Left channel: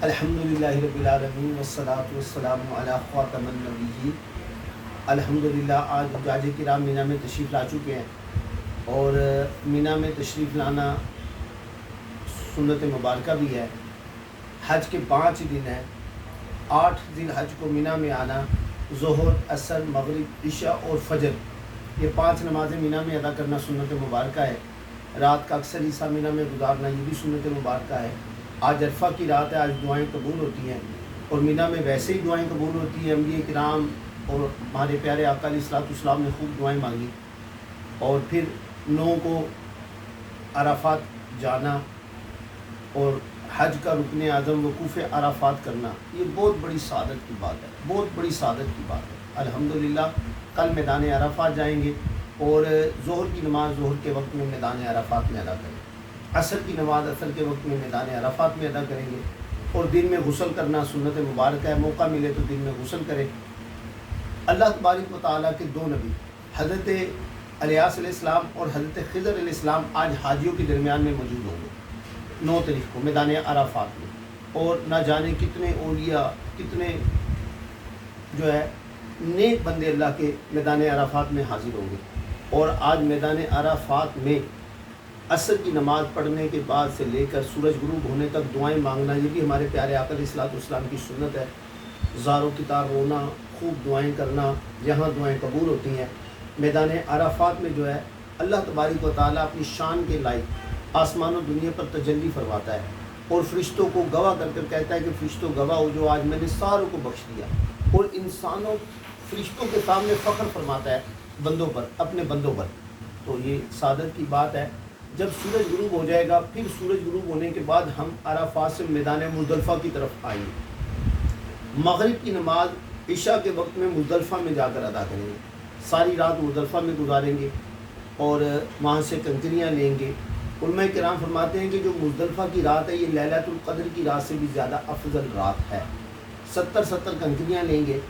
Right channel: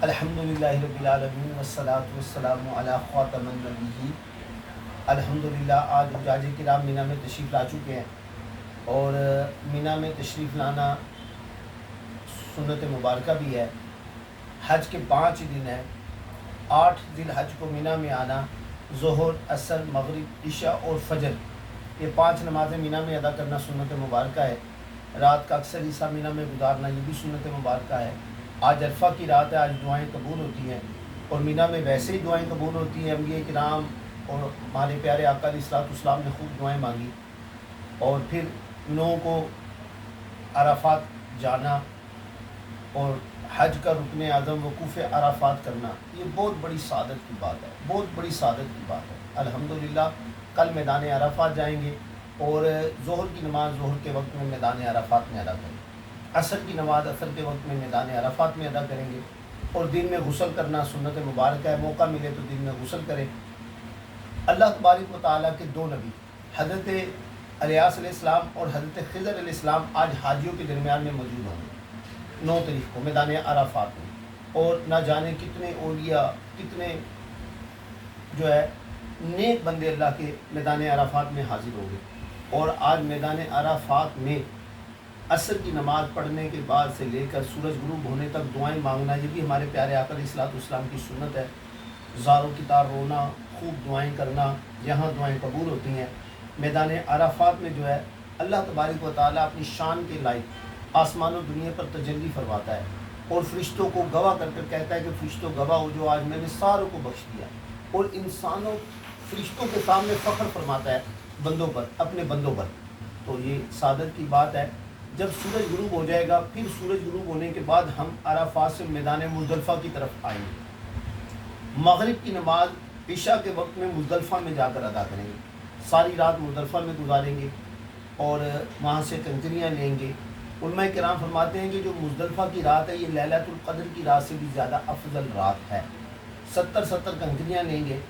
الحمدللہ رب العالمین والصلاة والسلام علی خاتم النبیین۔ الحمدللہ آج حجاج کرام مینا میں تشریف لا چکے ہیں، اور مینا میں تشریف لانا سنت مبارکہ بھی ہے۔ حج کے 5 دن ہیں، 8 ذی الحج کو مینا میں آنا، ظہر، عصر، مغرب، عشاء اور فجر، یہ 5 نمازیں مینا میں ادا کرنا سنت مبارکہ ہے۔ رات کا اکثر حصہ مینا میں گزارنا یہ بھی سنت مبارکہ ہے۔ آج عرفہ کی رات ہے، آج دعائیں قبول ہوتی ہیں، اور مینا میں ویسے ہی دعائیں قبول ہوتی ہیں۔ انبیاء کرام اور ہمارے پیارے آقا علیہ السلام نے خوب دعائیں مانگی، اور پھر 9 کو عرفات جانا اور حج کا رکن اعظم وقوف عرفات کرنا، یہ بہت بڑی سعادت کی بات ہے، بہت بڑی سعادت کی بات ہے۔ الحمدللہ کل میدان عرفات جائیں گے، اور ظہر کی نماز ظہر کے وقت میں میدان عرفات میں ادا کریں گے، عصر کی نماز عصر کے وقت میں میدان عرفات میں ادا کریں گے، اور دن میں غسل کرنا سنت مبارک ہے۔ موقع ملے تو دن میں غسل کریں۔ اللہ تبارک و تعالیٰ کے 2 نبی حضرت الیاس علیہ السلام اور حضرت خضر علیہ السلام آج حاجیوں کے درمیان میں موجود ہوں گے 9 تاریخ کو میدان عرفات میں، اور نہ جانے کتنے اولیاء، کتنے جو ہے نیک بندے اللہ کے میدان عرفات میں حاضر ہوں گے۔ اور آج میدان عرفات میں عصر کی نماز پڑھنے کے بعد سے لے کر سورج غروب ہونے تک دعائیں مانگنا، یہ بھی ہمارے پیارے آقا علیہ السلام کی سنت ہے۔ زاروں کی طرح رونا، خوب دعائیں کرنا، یہاں دعائیں قبول ہوتی ہیں۔ میدان عرفات میں جو ہے اللہ تبارک و تعالیٰ اپنی شان کے لائق آسمان و دنیا پر تجلی فرماتا ہے، اور فرشتوں کو گواہ کر کر کہتا ہے کہ فرشتوں گواہ ہو جو آج میں نے ساروں کو بخش دیا، اور انسانوں فرشتوں کے سامنے فخر فرماتا ہے بندوں پر، اپنے بندوں پر۔ تو یہ سعادت کی بات ہے۔ جب سورج غروب ہو جائے گا، پھر سورج غروب ہونے کے بعد ہم عرفات سے میدان مزدلفہ کی طرف آئیں گے۔ مغرب کی نماز عشاء کے وقت میں مزدلفہ میں جا کر ادا کریں گے، ساری رات مزدلفہ میں گزاریں گے، اور وہاں سے کنکریاں لیں گے۔ علماء کرام فرماتے ہیں کہ جو مزدلفہ کی رات ہے یہ لیلۃ القدر کی رات سے بھی زیادہ افضل رات ہے۔ 70 کنکریاں لیں گے،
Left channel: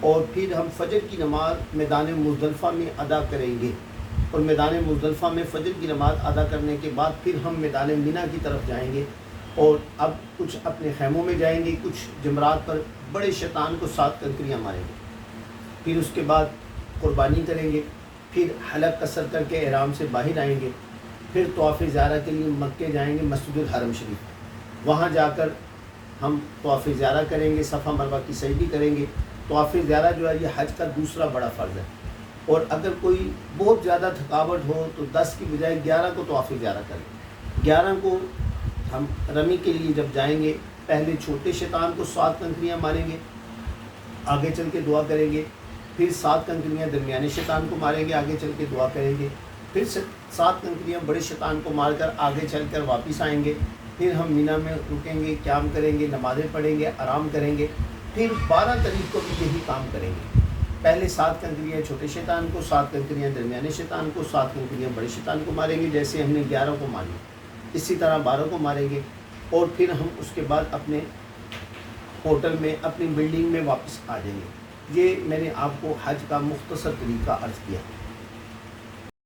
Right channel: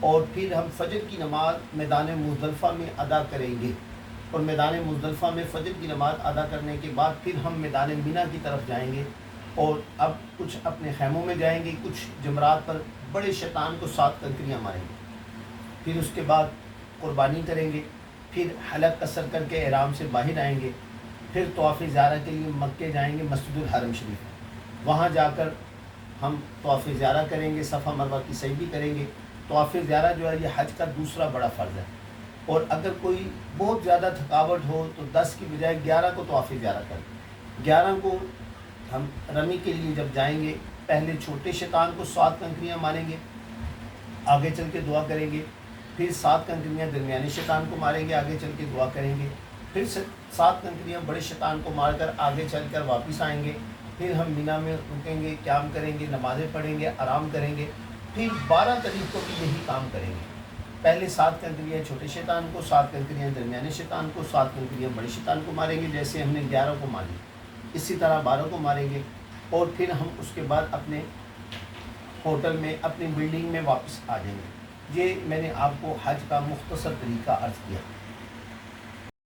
اور پھر ہم فجر کی نماز میدان مزدلفہ میں ادا کریں گے، اور میدان مزدلفہ میں فجر کی نماز ادا کرنے کے بعد پھر ہم میدان مینا کی طرف جائیں گے، اور اب کچھ اپنے خیموں میں جائیں گے، کچھ جمرات پر بڑے شیطان کو 7 کنکریاں ماریں گے، پھر اس کے بعد قربانی کریں گے، پھر حلق قصر کر کے احرام سے باہر آئیں گے، پھر طواف زیارہ کے لیے مکے جائیں گے، مسجد الحرم شریف، وہاں جا کر ہم طواف زیارہ کریں گے، صفا مروہ کی سعی بھی کریں گے۔ طواف زیارہ جو ہے یہ حج کا دوسرا بڑا فرض ہے، اور اگر کوئی بہت زیادہ تھکاوٹ ہو تو 10 کی بجائے 11 کو طواف زیارہ کریں۔ 11 کو ہم رمی کے لیے جب جائیں گے، پہلے چھوٹے شیطان کو 7 کنکریاں ماریں گے، آگے چل کے دعا کریں گے، پھر 7 کنکریاں درمیانے شیطان کو ماریں گے، آگے چل کے دعا کریں گے، پھر 7 کنکریاں بڑے شیطان کو مار کر آگے چل کر واپس آئیں گے، پھر ہم مینا میں رکیں گے، قیام کریں گے، نمازیں پڑھیں گے، آرام کریں گے، پھر 12 تاریخ کو بھی یہی کام کریں گے۔ پہلے 7 کنکریاں چھوٹے شیطان کو، 7 کنکریاں درمیانے شیطان کو، 7 کنکریاں بڑے شیطان کو ماریں گے، جیسے ہم نے 11 کو ماری، اسی طرح 12 کو ماریں گے، اور پھر ہم اس کے بعد اپنے ہوٹل میں، اپنی بلڈنگ میں واپس آ جائیں گے۔ یہ میں نے آپ کو حج کا مختصر طریقہ عرض کیا۔